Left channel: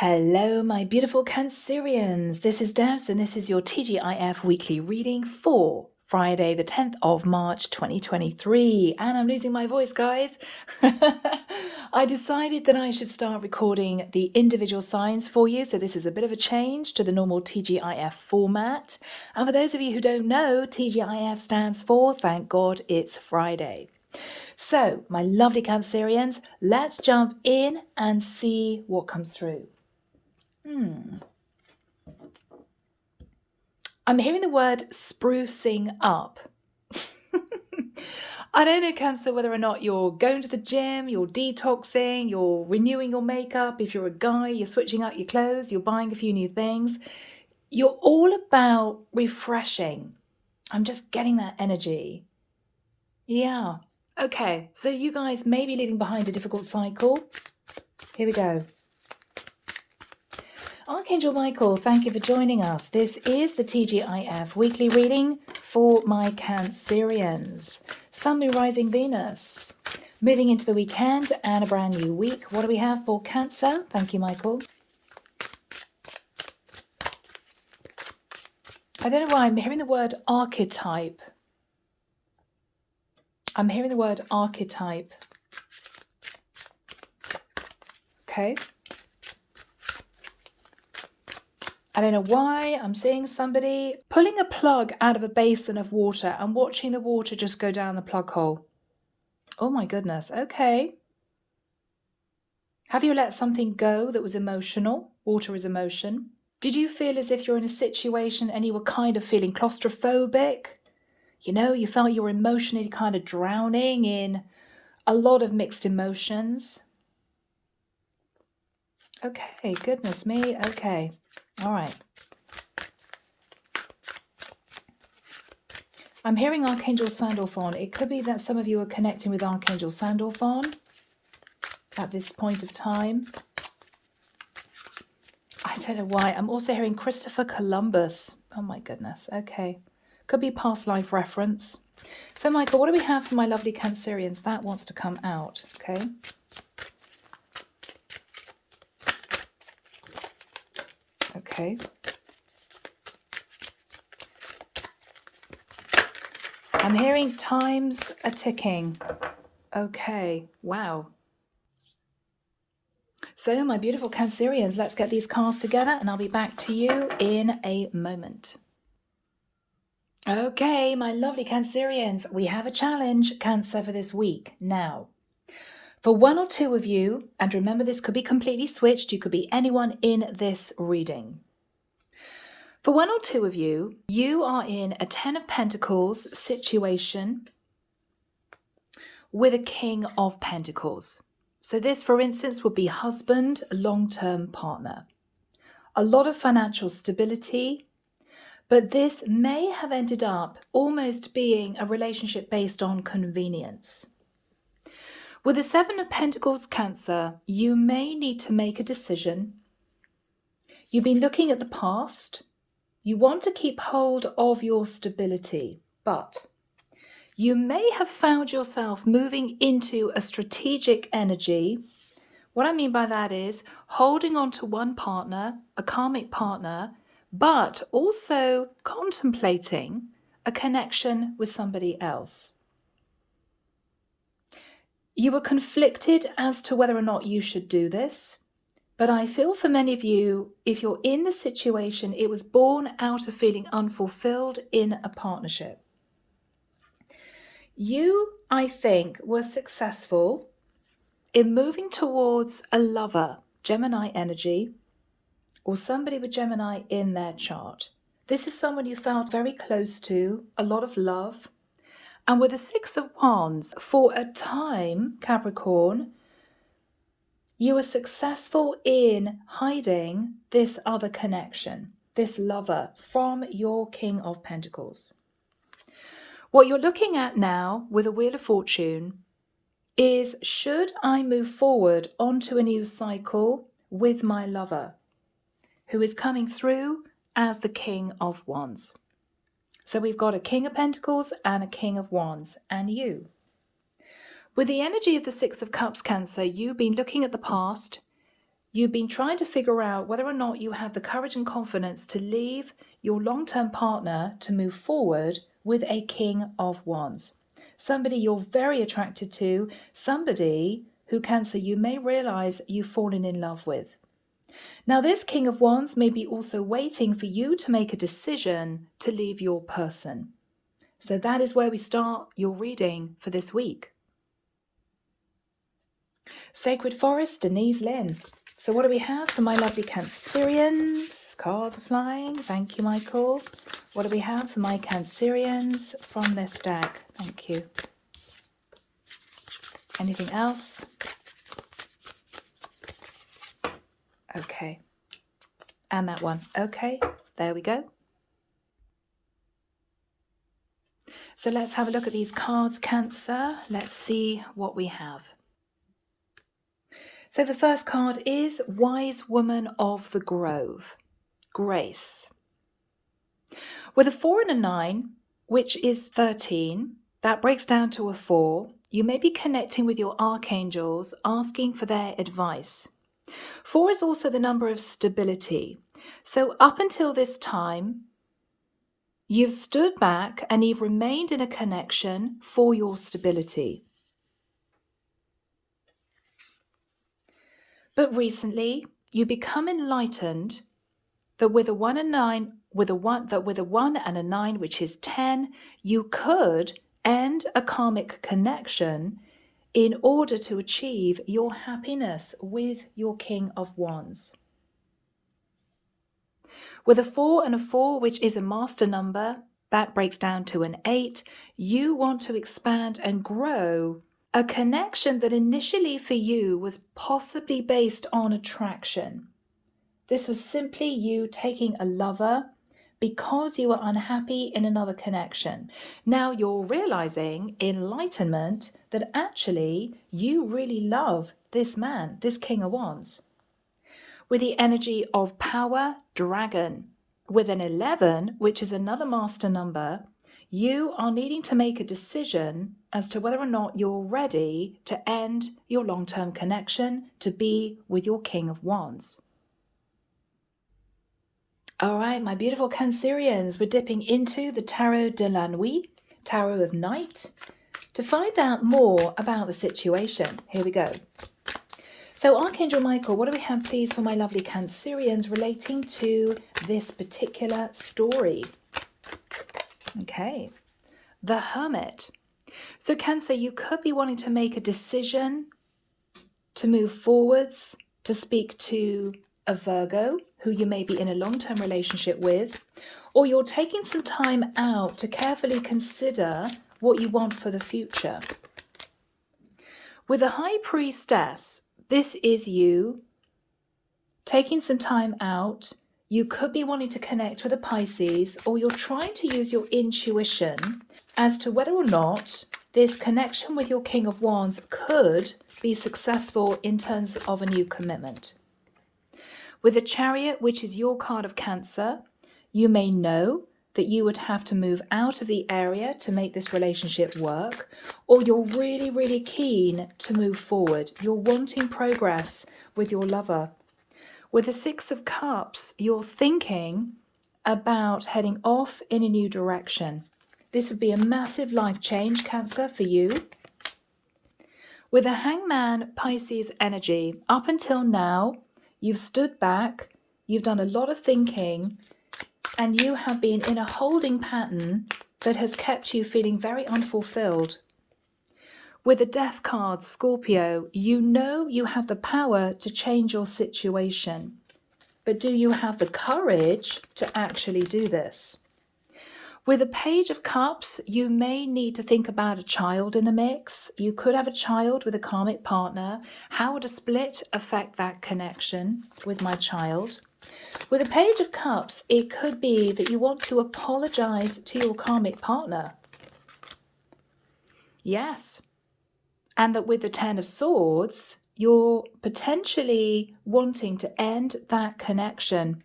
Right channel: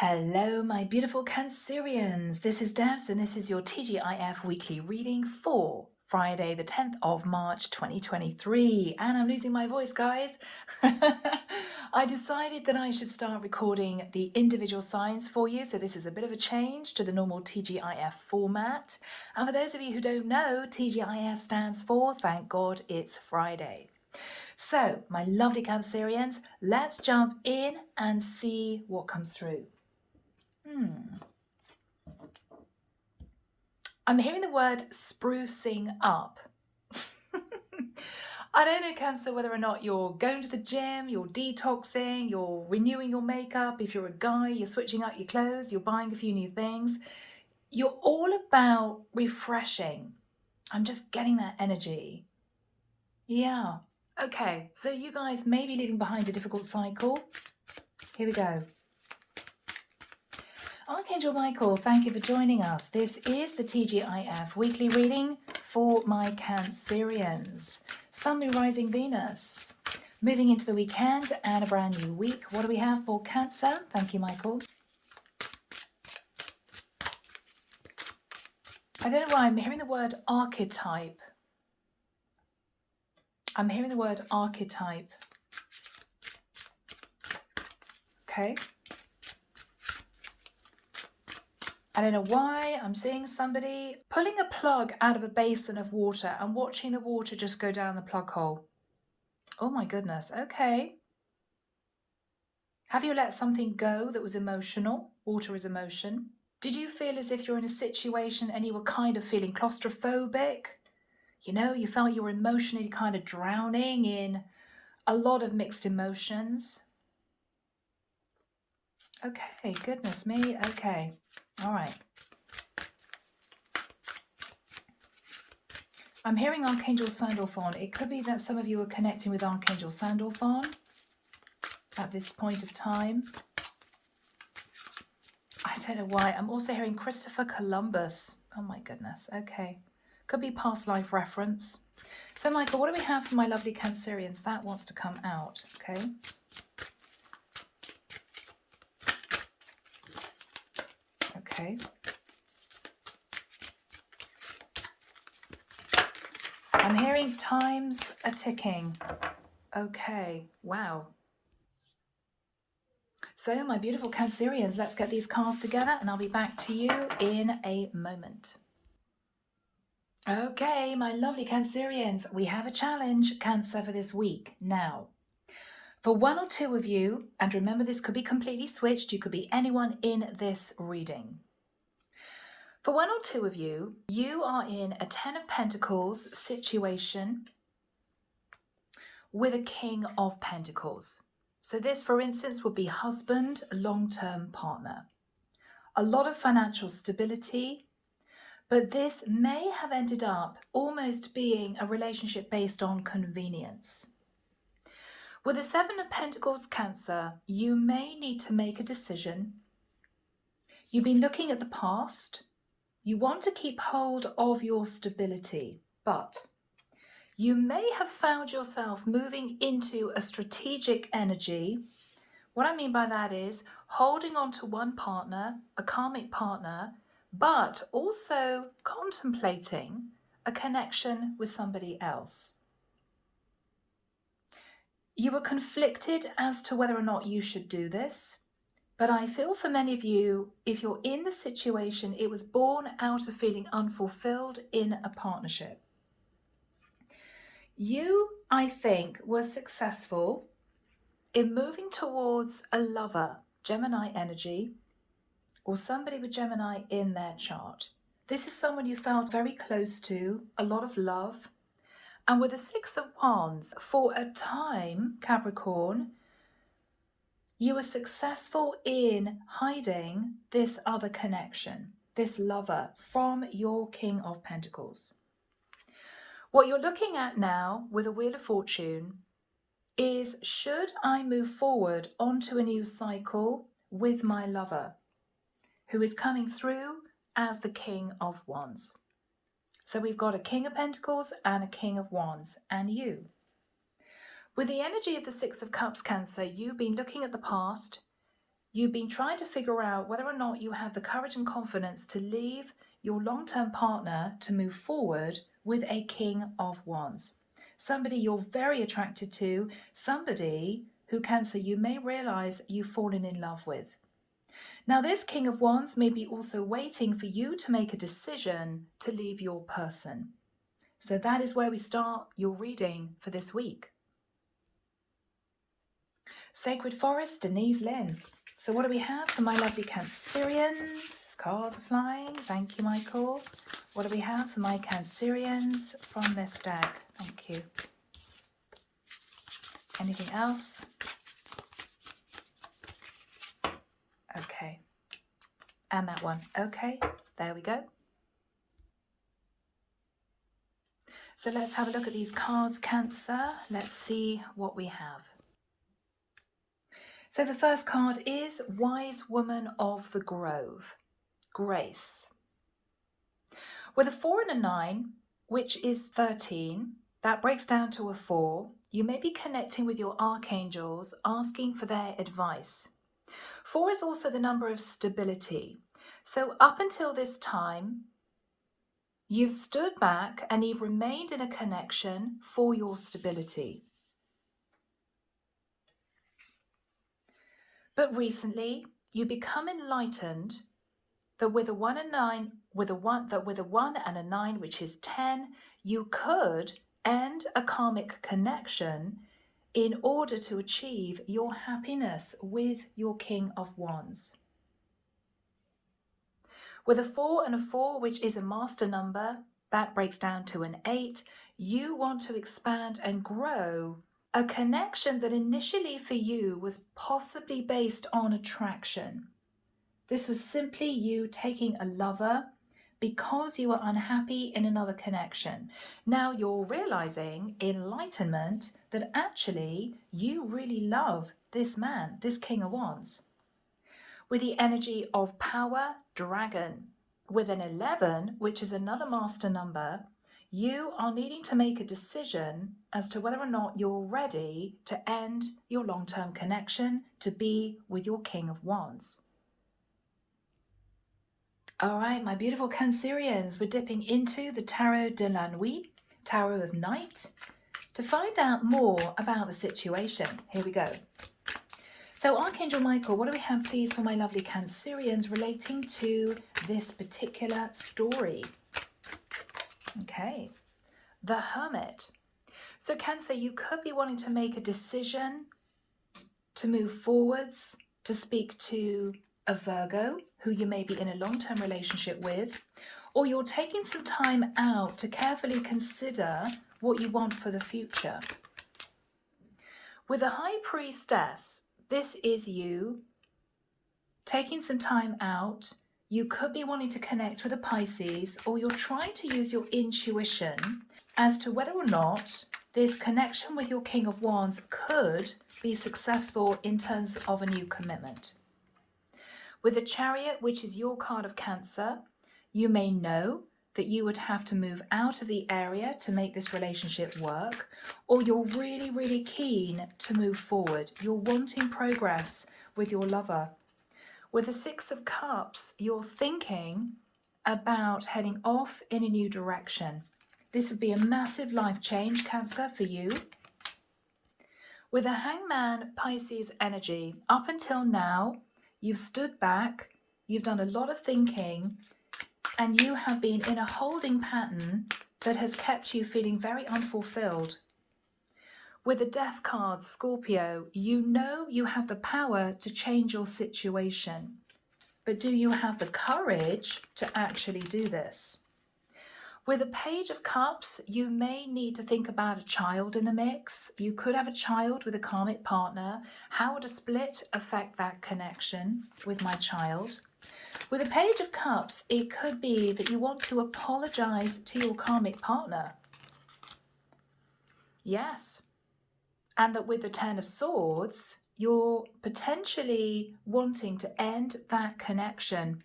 Hello, my beautiful Cancerians. This is Debs, and this is your TGIF weekly reading for Friday, the 10th of March, 2023. And I'm losing my voice, guys. I decided that I should start recording the individual signs for you. So this is a bit of a change to the normal TGIF format. And for those of you who don't know, TGIF stands for Thank God It's Friday. So, my lovely Cancerians, let's jump in and see what comes through. I'm hearing the word sprucing up. I don't know, Cancer, whether or not you're going to the gym, you're detoxing, you're renewing your makeup. If you're a guy, you're switching out your clothes, you're buying a few new things. You're all about refreshing. I'm just getting that energy. Yeah. Okay, so you guys may be leaving behind a difficult cycle. Here we go. Archangel Michael, thank you for joining us. This is the TGIF weekly reading for my Cancerians. Sun, Moon, Rising, Venus. Moving into the weekend and a brand new week. What do we have for Cancer? Thank you, Michael. I don't know why I'm hearing the word archetype. I'm hearing the word archetype. Okay. I don't know why I'm seeing somebody pulling a plug out of a basin of water and watching the water just go down the plug hole. Oh my goodness. Okay. Have you let something go that was emotional? Water is emotion. Did you feel as if you're in a situation and you were kind of feeling claustrophobic? You know, you felt you were emotionally kind of drowning in a lot of mixed emotions. Okay, goodness me. Okay. All right. I'm hearing Archangel Sandalphon. It could be that some of you are connecting with Archangel Sandalphon at this point of time. I don't know why. I'm also hearing Christopher Columbus. Oh my goodness. Okay. Could be past life reference. So Michael, what do we have for my lovely Cancerians? That wants to come out. Okay. Okay. I'm hearing times are ticking. Okay. Wow. So my beautiful Cancerians, let's get these cards together and I'll be back to you in a moment. Okay, my lovely Cancerians, we have a challenge, Cancer, for this week. Now, for one or two of you, and remember this could be completely switched, you could be anyone in this reading. For one or two of you, you are in a 10 of Pentacles situation with a King of Pentacles. So this, for instance, would be husband, long-term partner. A lot of financial stability, but this may have ended up almost being a relationship based on convenience. With the 7 of Pentacles, Cancer, you may need to make a decision. You've been looking at the past. You want to keep hold of your stability, but you may have found yourself moving into a strategic energy. What I mean by that is holding on to one partner, a karmic partner, but also contemplating a connection with somebody else. You were conflicted as to whether or not you should do this, but I feel for many of you, if you're in the situation, it was born out of feeling unfulfilled in a partnership. You, I think, were successful in moving towards a lover, Gemini energy, or somebody with Gemini in their chart. This is someone you felt very close to, a lot of love. And with the 6 of Wands, for a time, Capricorn, you were successful in hiding this other connection, this lover, from your King of Pentacles. What you're looking at now with a Wheel of Fortune is, should I move forward onto a new cycle with my lover, who is coming through as the King of Wands? So we've got a King of Pentacles and a King of Wands, and you. With the energy of the 6 of Cups, Cancer, you've been looking at the past. You've been trying to figure out whether or not you have the courage and confidence to leave your long-term partner to move forward with a King of Wands. Somebody you're very attracted to, somebody who, Cancer, you may realize you've fallen in love with. Now, this King of Wands may be also waiting for you to make a decision to leave your person. So that is where we start your reading for this week. Sacred Forest, Denise, Linn. So what do we have for my lovely Cancerians? Cards are flying. Thank you, Michael. What do we have for my Cancerians from this deck? Thank you. Anything else? Okay. And that one. Okay, there we go. So let's have a look at these cards, Cancer. Let's see what we have. So the first card is Wise Woman of the Grove, Grace. With a 4 and a 9, which is 13, that breaks down to a 4. You may be connecting with your archangels, asking for their advice. 4 is also the number of stability. So up until this time, you've stood back and you've remained in a connection for your stability. But recently, you become enlightened that with a 1 and 9, with a 1 and a 9, which is 10, you could end a karmic connection in order to achieve your happiness with your King of Wands. With a 4 and a 4, which is a master number, that breaks down to an 8, you want to expand and grow a connection that initially for you was possibly based on attraction. This was simply you taking a lover because you were unhappy in another connection. Now you're realizing enlightenment that actually you really love this man, this King of Wands. With the energy of power, dragon. With an 11, which is another master number, you are needing to make a decision as to whether or not you're ready to end your long-term connection to be with your King of Wands. All right, my beautiful Cancerians, we're dipping into the Tarot de la Nuit, Tarot of Night, to find out more about the situation. Here we go. So Archangel Michael, what do we have, please, for my lovely Cancerians relating to this particular story? Okay, the Hermit. So Cancer, you could be wanting to make a decision to move forwards, to speak to a Virgo who you may be in a long-term relationship with, or you're taking some time out to carefully consider what you want for the future. With a High Priestess, this is you taking some time out. You could be wanting to connect with a Pisces, or you're trying to use your intuition as to whether or not this connection with your King of Wands could be successful in terms of a new commitment. With the Chariot, which is your card of Cancer, you may know that you would have to move out of the area to make this relationship work, or you're really, really keen to move forward. You're wanting progress with your lover. With the Six of Cups, you're thinking about heading off in a new direction. This would be a massive life change, Cancer, for you. With a Hangman Pisces energy, up until now, you've stood back, you've done a lot of thinking, and you have been in a holding pattern that has kept you feeling very unfulfilled. With the Death card, Scorpio, you know you have the power to change your situation. But do you have the courage to actually do this? With a Page of Cups, you may need to think about a child in the mix. You could have a child with a karmic partner. How would a split affect that connection with my child? With a Page of Cups, it could be that you want to apologize to your karmic partner. Yes. And that with the Ten of Swords, you're potentially wanting to end that connection.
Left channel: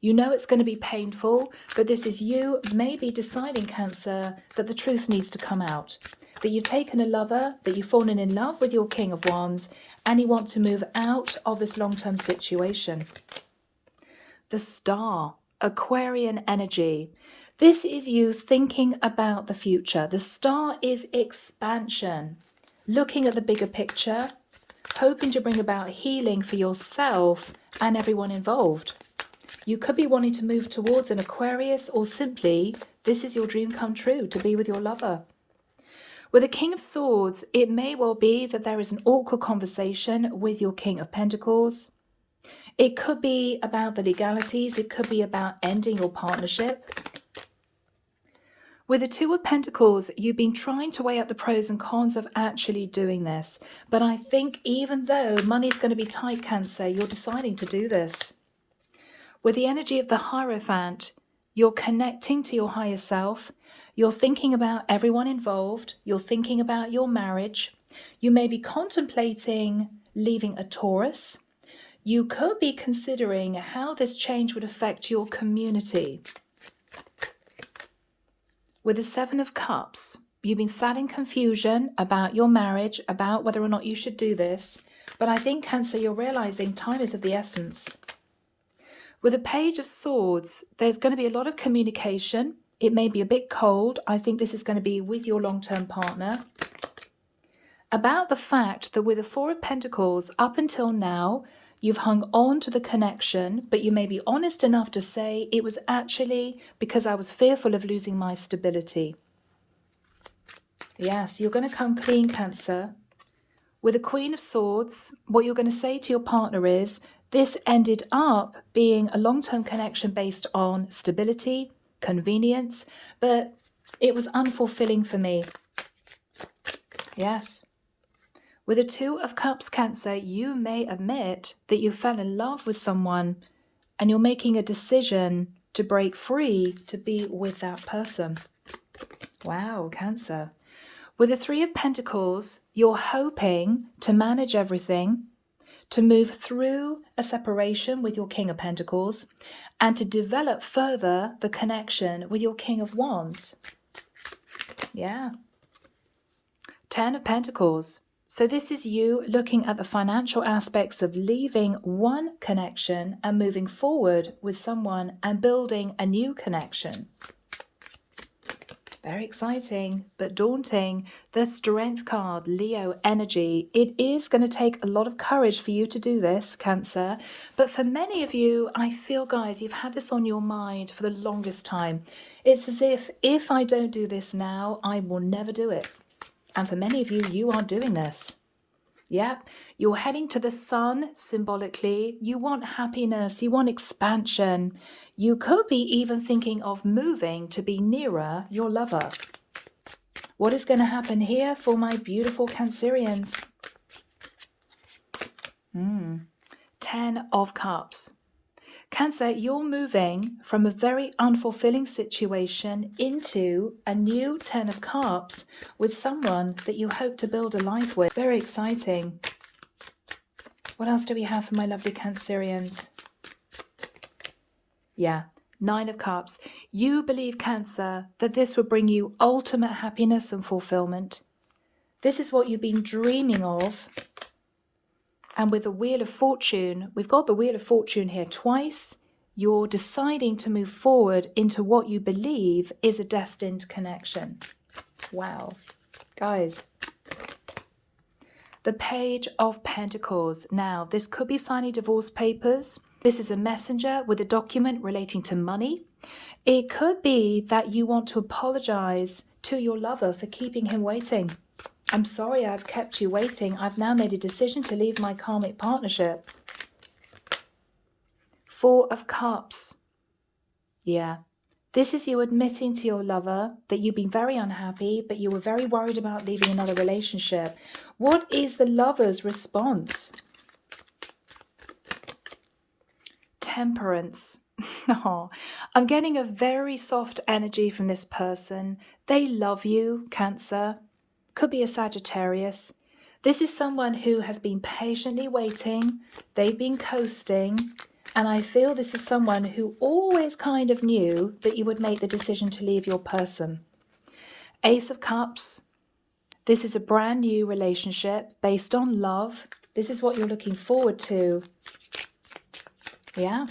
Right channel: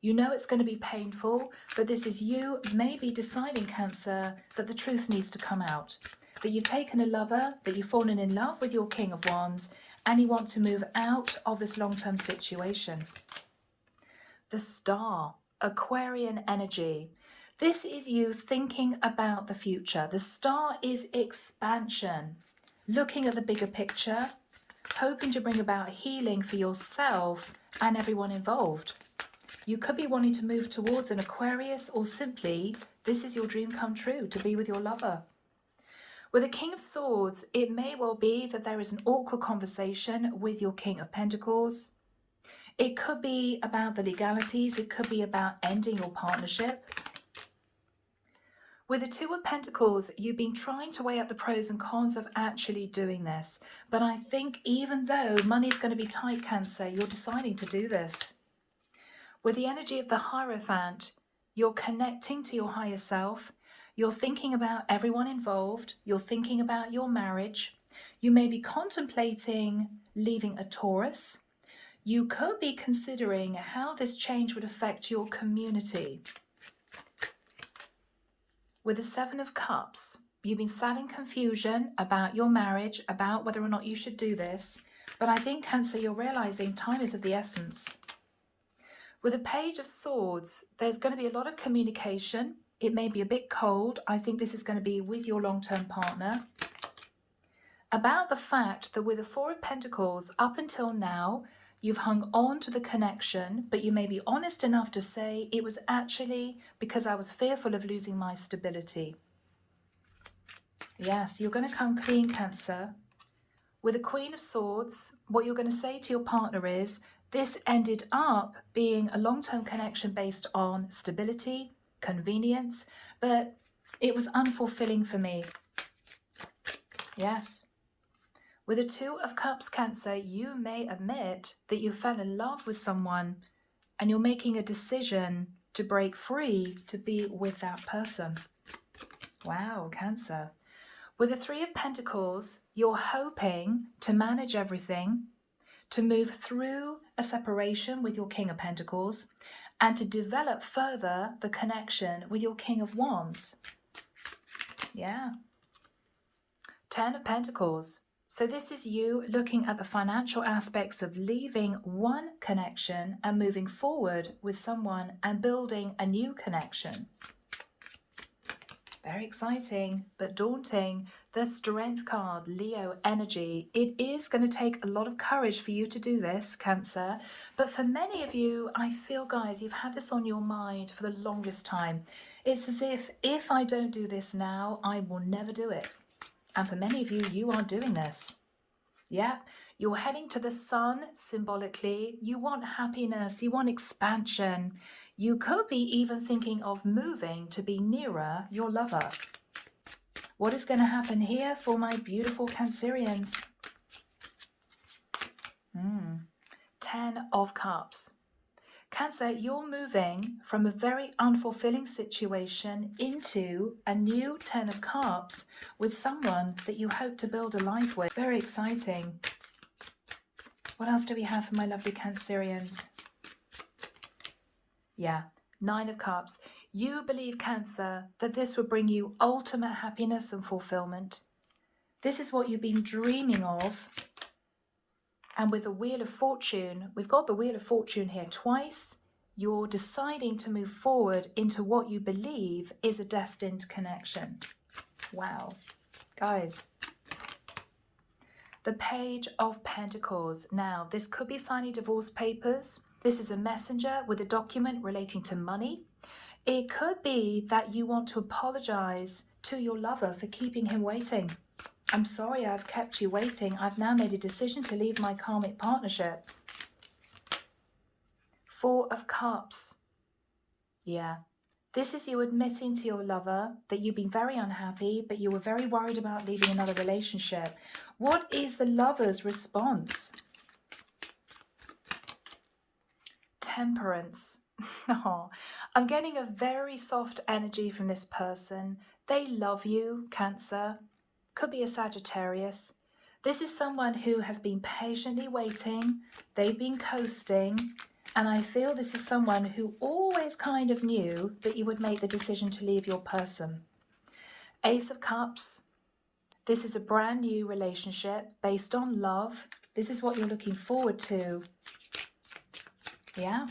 You know it's going to be painful, but this is you maybe deciding, Cancer, that the truth needs to come out. That you've taken a lover, that you've fallen in love with your King of Wands, and you want to move out of this long-term situation. The Star, Aquarian energy. This is you thinking about the future. The Star is expansion, looking at the bigger picture, hoping to bring about healing for yourself and everyone involved. You could be wanting to move towards an Aquarius, or simply this is your dream come true, to be with your lover. With the King of Swords, it may well be that there is an awkward conversation with your King of Pentacles. It could be about the legalities. It could be about ending your partnership. With the Two of Pentacles, you've been trying to weigh up the pros and cons of actually doing this. But I think even though money's going to be tight, Cancer, you're deciding to do this. With the energy of the Hierophant, you're connecting to your higher self. You're thinking about everyone involved. You're thinking about your marriage. You may be contemplating leaving a Taurus. You could be considering how this change would affect your community. With the Seven of Cups, you've been sat in confusion about your marriage, about whether or not you should do this. But I think, Cancer, you're realizing time is of the essence. With the Page of Swords, there's going to be a lot of communication. It may be a bit cold. I think this is going to be with your long-term partner. About the fact that with the Four of Pentacles, up until now, you've hung on to the connection, but you may be honest enough to say it was actually because I was fearful of losing my stability. Yes, you're going to come clean, Cancer. With the Queen of Swords, what you're going to say to your partner is, this ended up being a long-term connection based on stability, convenience, but it was unfulfilling for me. Yes. With the Two of Cups, Cancer, you may admit that you fell in love with someone and you're making a decision to break free to be with that person. Wow, Cancer. With the Three of Pentacles, you're hoping to manage everything, to move through a separation with your King of Pentacles, and to develop further the connection with your King of Wands. Yeah. Ten of Pentacles. So this is you looking at the financial aspects of leaving one connection and moving forward with someone and building a new connection. Very exciting, but daunting. The Strength card, Leo energy. It is going to take a lot of courage for you to do this, Cancer. But for many of you, I feel, guys, you've had this on your mind for the longest time. It's as if I don't do this now, I will never do it. And for many of you, you are doing this. Yeah, you're heading to the sun symbolically. You want happiness, you want expansion. You could be even thinking of moving to be nearer your lover. What is going to happen here for my beautiful Cancerians? 10 of Cups. Cancer, you're moving from a very unfulfilling situation into a new 10 of Cups with someone that you hope to build a life with. Very exciting. What else do we have for my lovely Cancerians? Yeah, 9 of Cups. You believe, Cancer, that this will bring you ultimate happiness and fulfillment. This is what you've been dreaming of. And with the Wheel of Fortune, we've got the Wheel of Fortune here twice. You're deciding to move forward into what you believe is a destined connection. Wow. Guys. The Page of Pentacles. Now, this could be signing divorce papers. This is a messenger with a document relating to money. It could be that you want to apologize to your lover for keeping him waiting. I'm sorry I've kept you waiting. I've now made a decision to leave my karmic partnership. 4 of Cups. Yeah. This is you admitting to your lover that you've been very unhappy, but you were very worried about leaving another relationship. What is the lover's response? Temperance. Oh, I'm getting a very soft energy from this person. They love you, Cancer. Could be a Sagittarius. This is someone who has been patiently waiting. They've been coasting. And I feel this is someone who always kind of knew that you would make the decision to leave your person. Ace of Cups. This is a brand new relationship based on love. This is what you're looking forward to. Yeah.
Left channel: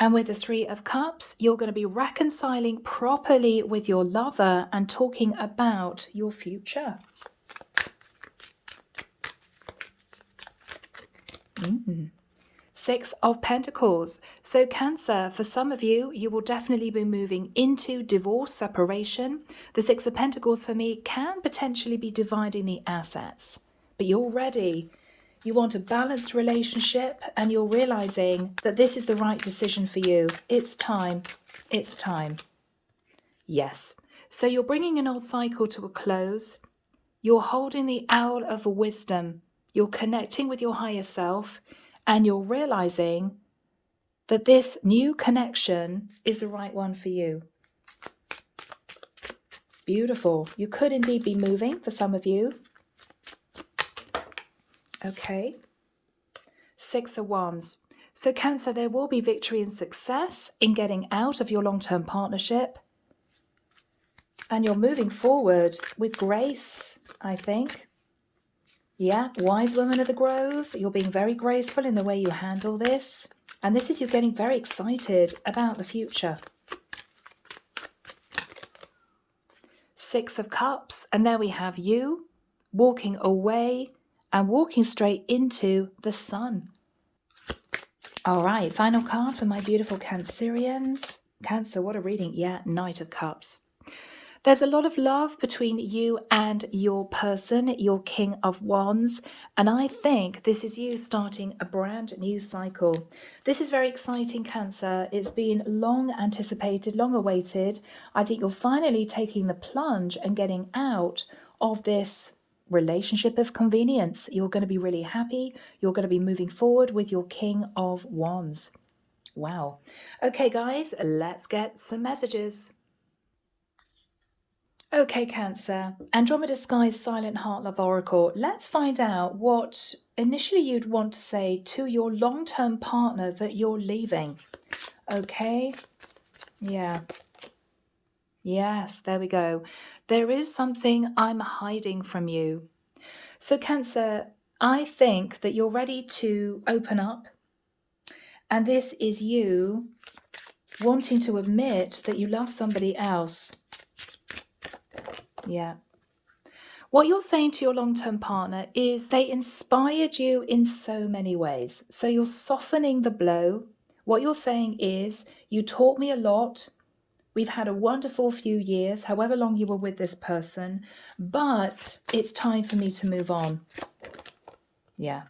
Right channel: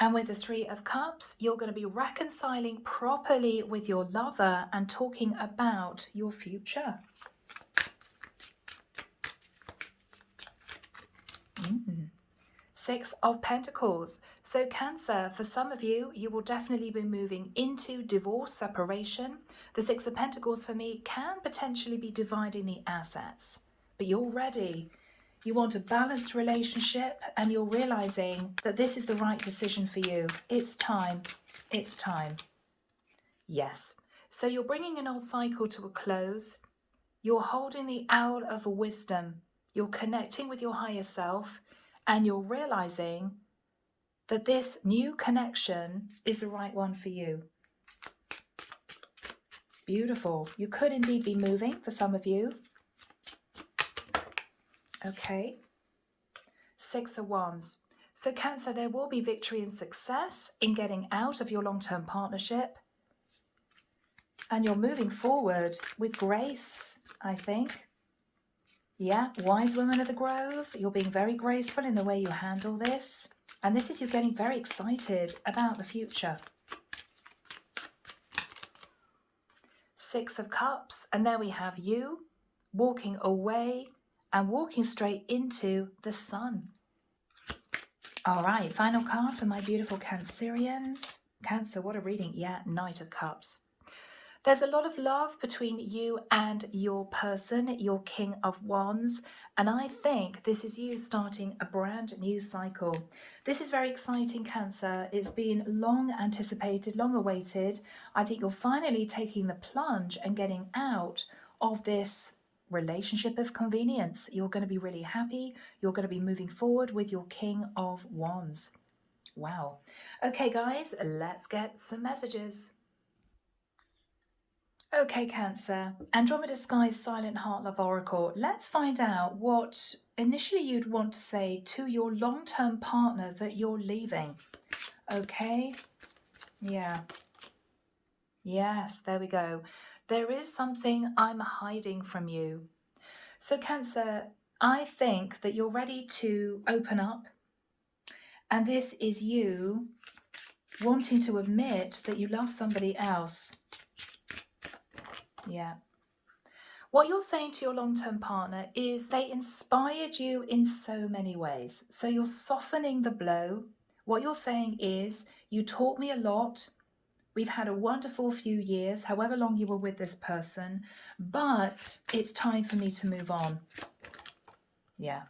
And with the Three of Cups, you're going to be reconciling properly with your lover and talking about your future. Six of Pentacles. So Cancer, for some of you, you will definitely be moving into divorce, separation. The Six of Pentacles for me can potentially be dividing the assets, but you're ready. You want a balanced relationship and you're realizing that this is the right decision for you. It's time. It's time. Yes. So you're bringing an old cycle to a close. You're holding the Owl of Wisdom. You're connecting with your higher self and you're realizing that this new connection is the right one for you. Beautiful. You could indeed be moving for some of you. Okay. Six of Wands. So Cancer, there will be victory and success in getting out of your long-term partnership. And you're moving forward with grace, I think. Yeah, wise woman of the grove. You're being very graceful in the way you handle this. And this is you getting very excited about the future. Six of Cups. And there we have you walking away and walking straight into the sun. All right, final card for my beautiful Cancerians. Cancer, what a reading. Yeah, Knight of Cups. There's a lot of love between you and your person, your King of Wands. And I think this is you starting a brand new cycle. This is very exciting, Cancer. It's been long anticipated, long awaited. I think you're finally taking the plunge and getting out of this relationship of convenience. You're going to be really happy. You're going to be moving forward with your King of Wands. Wow. Okay, guys, let's get some messages. Okay, Cancer. Andromeda Sky's Silent Heart Love Oracle. Let's find out what initially you'd want to say to your long-term partner that you're leaving. Okay. Yeah. Yes, there we go. There is something I'm hiding from you. So Cancer, I think that you're ready to open up. And this is you wanting to admit that you love somebody else. Yeah. What you're saying to your long-term partner is they inspired you in so many ways. So you're softening the blow. What you're saying is, you taught me a lot. We've had a wonderful few years, however long you were with this person, but it's time for me to move on. Yeah.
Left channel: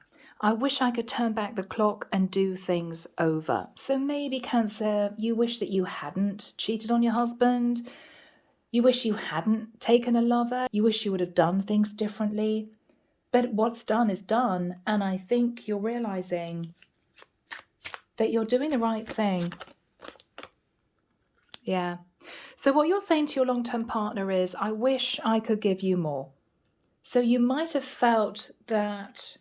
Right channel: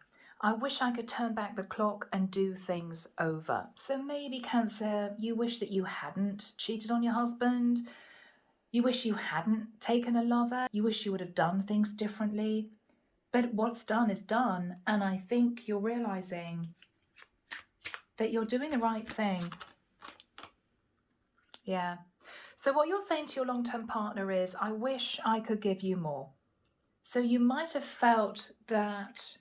I wish I could turn back the clock and do things over. So maybe, Cancer, you wish that you hadn't cheated on your husband. You wish you hadn't taken a lover. You wish you would have done things differently. But what's done is done. And I think you're realizing that you're doing the right thing. Yeah. So what you're saying to your long-term partner is, I wish I could give you more. So you might have felt that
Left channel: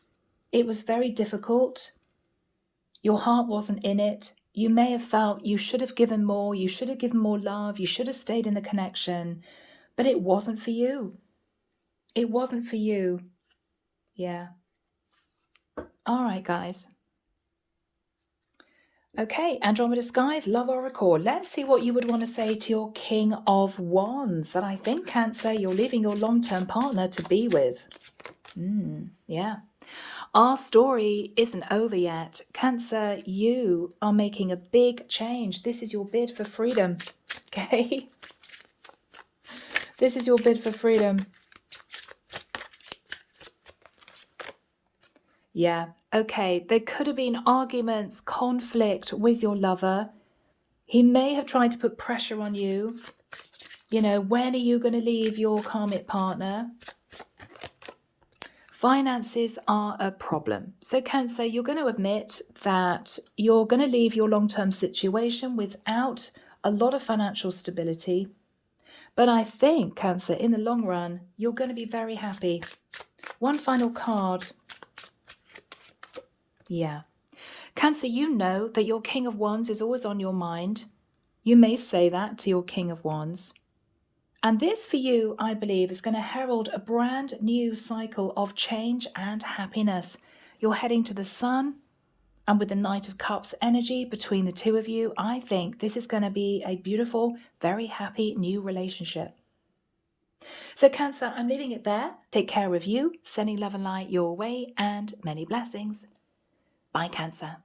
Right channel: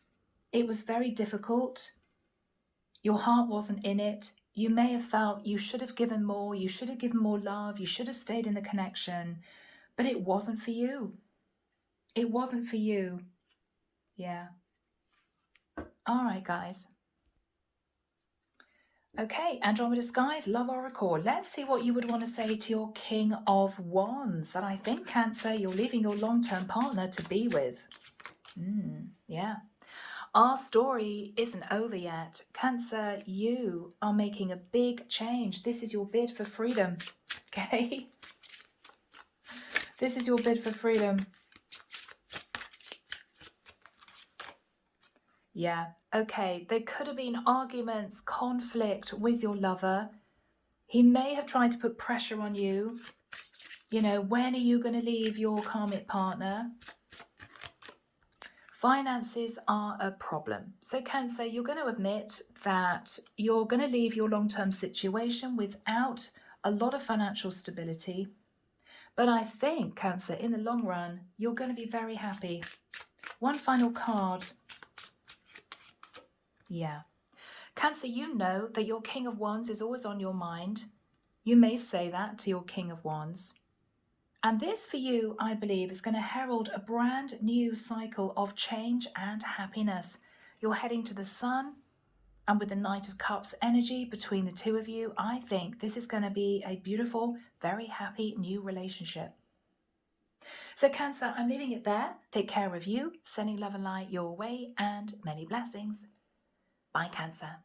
it was very difficult. Your heart wasn't in it. You may have felt you should have given more. You should have given more love. You should have stayed in the connection. But it wasn't for you. It wasn't for you. Yeah. All right, guys. Okay, Andromeda Skies, Love Oracle. Let's see what you would want to say to your King of Wands that I think, Cancer, you're leaving your long-term partner to be with. Yeah. Our story isn't over yet. Cancer, you are making a big change. This is your bid for freedom. Okay? This is your bid for freedom. Yeah, okay. There could have been arguments, conflict with your lover. He may have tried to put pressure on you. You know, when are you going to leave your karmic partner? Finances are a problem. So Cancer, you're going to admit that you're going to leave your long-term situation without a lot of financial stability. But I think, Cancer, in the long run, you're going to be very happy. One final card. Yeah. Cancer, you know that your King of Wands is always on your mind. You may say that to your King of Wands. And this for you, I believe, is going to herald a brand new cycle of change and happiness. You're heading to the sun, and with the Knight of Cups energy between the two of you, I think this is going to be a beautiful, very happy new relationship. So Cancer, I'm leaving it there. Take care of you, sending love and light your way, and many blessings. Bye, Cancer.